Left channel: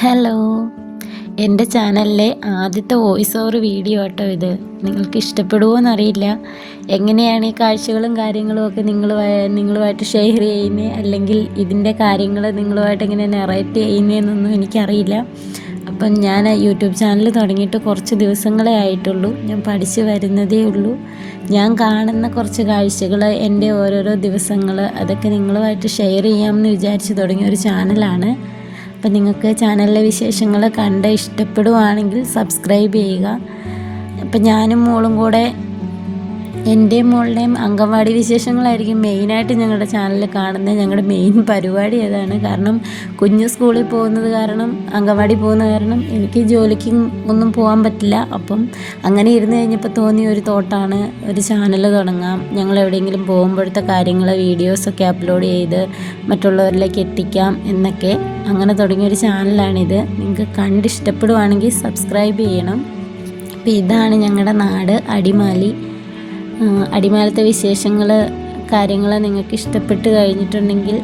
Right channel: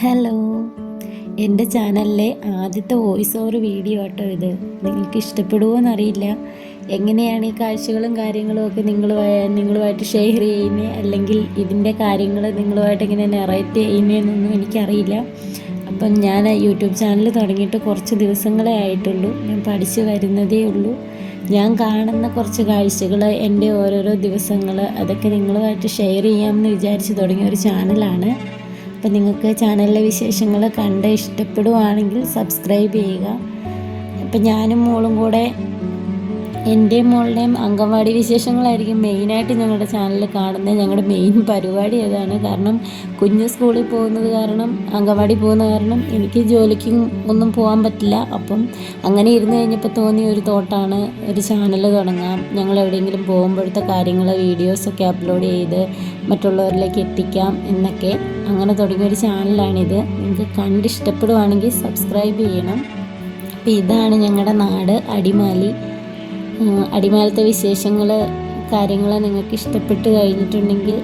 Hello, എൻ്റെ ചാനലിലെ ആദ്യത്തെ വോയിസ് ഓവർ വീഡിയോ കേട്ടോ ഇത്. നിങ്ങൾക്ക് ഇഷ്ടപ്പെടുമോ എന്നറിയില്ല. എങ്ങനെയാണ് ഈ കാഴ്ചകളും കാര്യങ്ങളും ഒക്കെ നിങ്ങളുമായിട്ട് ഷെയർ ചെയ്യുന്നത്, അല്ലെങ്കിൽ ഇതിൻ്റെ കാര്യങ്ങൾ നിങ്ങളുമായിട്ട് എങ്ങനെ നെറേറ്റ് ചെയ്യുന്നതെന്നൊന്നും എനിക്കറിയില്ല. അപ്പം ഞാൻ യൂട്യൂബ് ചാനൽ തുടങ്ങിയിട്ട് കുറച്ച് ദിവസങ്ങളേ ആയിട്ടുള്ളൂ. ഞാൻ പഠിച്ചു വരുന്നതേ ഉള്ളൂ. ഞാൻ കാണുന്ന കുറച്ച് കാഴ്ചകൾ, എൻ്റെ ഓരോരോ ദിവസങ്ങൾ, അതൊക്കെ നിങ്ങളുമായിട്ട് ഷെയർ ചെയ്യാമെന്ന് വിചാരിച്ച് തുടങ്ങിയ ഒരു ചാനലാണ്. അപ്പം നിങ്ങൾക്ക് ചാനലിലെ വിശേഷങ്ങൾ കണ്ട് ഇഷ്ടപ്പെടുവാണെങ്കിൽ സബ്സ്ക്രൈബ് ചെയ്യുക. അപ്പം ഞാനും മോളും കൂടെ എൻ്റെയും മോളുടെയും അംഗൻവാടി വിശേഷങ്ങളായിരിക്കും മെയിനായിട്ട് ഞങ്ങളുടെ ചാനലിൽ കാണുന്നത്. ഞങ്ങളുടെ മെയിൻ പരിപാടി അതാണ്. കാരണം കുഞ്ഞ് സ്കൂളിൽ പോകുന്നത് കാരണം, അംഗൻവാടി പോകുന്ന കാരണം എനിക്ക് ജോലിക്ക് ഒന്നും പോകാൻ പറ്റില്ല. അപ്പം അങ്ങനെ ഇരുന്ന് കഴിഞ്ഞപ്പോൾ തോന്നിയ ഒരു തോട്ടാണ്, ഒരു ചാനൽ തുടങ്ങാം. ഞങ്ങൾ എവിടെയെങ്കിലും പോകുമ്പോഴത്തെ കാര്യങ്ങൾ വീഡിയോസൊക്കെ അപ്ലോഡ് ചെയ്ത് മറ്റുള്ളവരിലേക്ക് എത്തിക്കാം എന്നൊക്കെ. അങ്ങനെ തുടങ്ങിയൊരു ചാനലാണിത്. നിങ്ങൾക്ക് കണ്ടിഷ്ടപ്പെടുവാണെങ്കിൽ സബ്സ്ക്രൈബ് ചെയ്യണം. അപ്പോൾ ഇതാണ് ഞങ്ങളുടെ നാട്, അടിമാലി. അടിമാലത്തെ വിശേഷങ്ങൾ, കാര്യങ്ങൾ നിങ്ങൾക്ക് ഇഷ്ടപ്പെട്ട് കഴിഞ്ഞിട്ടുണ്ടെങ്കിൽ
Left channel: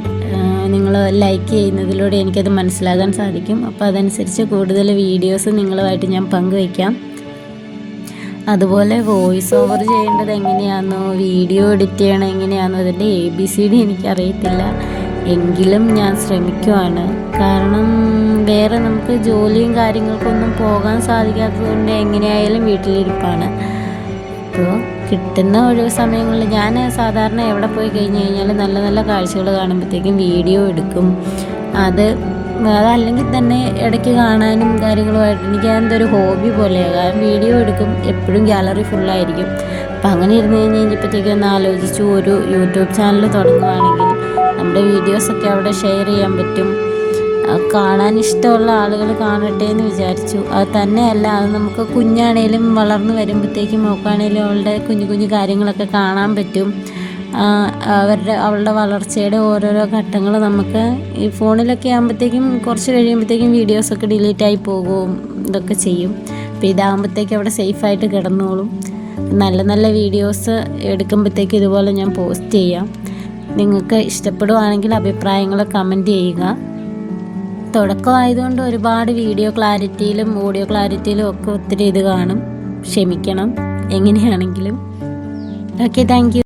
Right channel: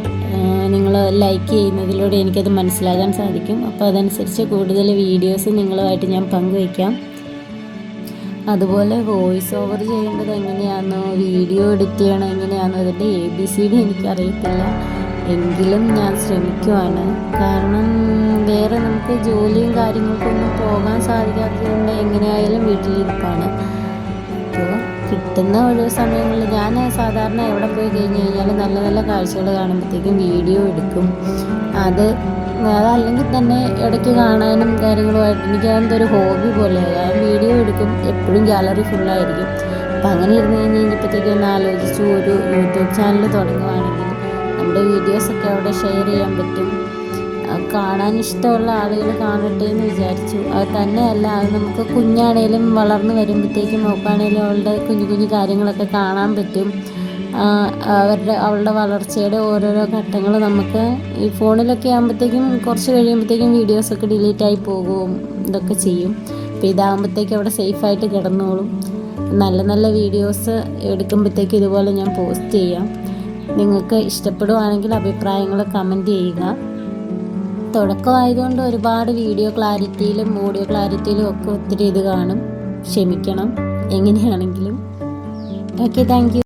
നിങ്ങൾ ലൈക്ക് ചെയ്യുന്നതിലൂടെ എനിക്കത് മനസ്സിലാകാൻ സാധിക്കും. അപ്പോൾ അതനുസരിച്ച് കൂടുതൽ വീഡിയോസ് നിങ്ങളുമായിട്ട് ഞാൻ പങ്കുവയ്ക്കാം. അതുപോലെ വോയിസ് ഓവർ ചെയ്യേണ്ടത് എങ്ങനെയാണെന്നോ, വീഡിയോ എഡിറ്റ് ചെയ്യണം എങ്ങനെയാണെന്നോ, അതിൻ്റെ ABCD എനിക്കറിയത്തില്ല. എങ്കിലും ഞാൻ ശ്രമിക്കുവാണ്. കാരണം വേറെ നമുക്ക് ജോലിയും കാര്യങ്ങൾക്കൊന്നും പോകാൻ സാധിക്കാത്തതുകൊണ്ട് എങ്ങനെയായാലും വീട്ടിലിരിപ്പാണ്. അപ്പോൾ കിട്ടുന്ന ഒഴിവ് സമയങ്ങളിൽ ഞാൻ സാധാരണ എവിടെ പോയി കഴിഞ്ഞ് കഴിഞ്ഞാൽ നല്ല നല്ല കാഴ്ചകൾ കാണുമ്പോഴത്തേക്കും വീഡിയോ എടുക്കും. അതല്ലെങ്കിൽ തന്നെ ഇടയ്ക്ക് കാണാനും കാര്യങ്ങളുമായിട്ട് എനിക്ക് എന്തൊരു ഹോബി പോലെയാകാം. വീഡിയോ എടുക്കും, എപ്പോഴും ഗാലറി ഫുള്ളായിരിക്കും. അപ്പം അങ്ങനെ ഇരുന്ന് കഴിഞ്ഞപ്പോഴത്തേക്കും ഒന്ന് ആലോചിച്ചു, ഒരു യൂട്യൂബ് ചാനൽ തുടങ്ങുകയാണെങ്കിൽ നമ്മുടെ വീഡിയോസൊക്കെ അവിടെ ഷെയർ ചെയ്യാൻ പറ്റും. കാണാൻ ഇഷ്ടമുള്ള ആളുകൾ കാണട്ടെ എന്ന് വിചാരിച്ചു. അത് തന്നെയല്ല, അത് നമുക്ക് കുഞ്ഞാണേലും വളർന്നു വരുമ്പോഴത്തേക്കും നോക്കുകയാണേലും അവളുടെ കുഞ്ഞു കുഞ്ഞു കാര്യങ്ങളൊക്കെ കാണാൻ പറ്റും. അവളുടെ വളർച്ചയുടെ ഓരോരോ ഘട്ടങ്ങൾ നമുക്ക് ഈ ഫോണിലൊക്കെ ആകുമ്പോഴത്തേക്കും കുറച്ച് കഴിയുമ്പോഴത്തേക്കും വീഡിയോസൊക്കെ ഡിലീറ്റായി പോകും, ഇതൊക്കെ ചെയ്യും. അപ്പോൾ ഇതാകുമ്പോഴത്തേക്കും അവിടെ സേഫായിട്ട് കിടന്നോളും. നല്ല നല്ല വീഡിയോസ് എടുക്കുമ്പോഴത്തേക്കും ഇതുപോലെ ഞാൻ പോസ്റ്റ് ചെയ്യാം. നിങ്ങൾക്ക് ഇഷ്ടപ്പെടുവാണെങ്കിൽ അഭിപ്രായങ്ങൾ കമൻറ്റ് ചെയ്യുക. തുടക്കമായതുകൊണ്ട് ഒരുപാട് വീഡിയോ ക്ലാരിറ്റിയിലും ഓഡിയോ ക്ലാരിറ്റിയിലും ഒക്കെ ഒത്തിരി ഇത് കാണും. ക്ഷമിക്കണം എങ്ങനെയാണെങ്കിലും. Okay, thank you.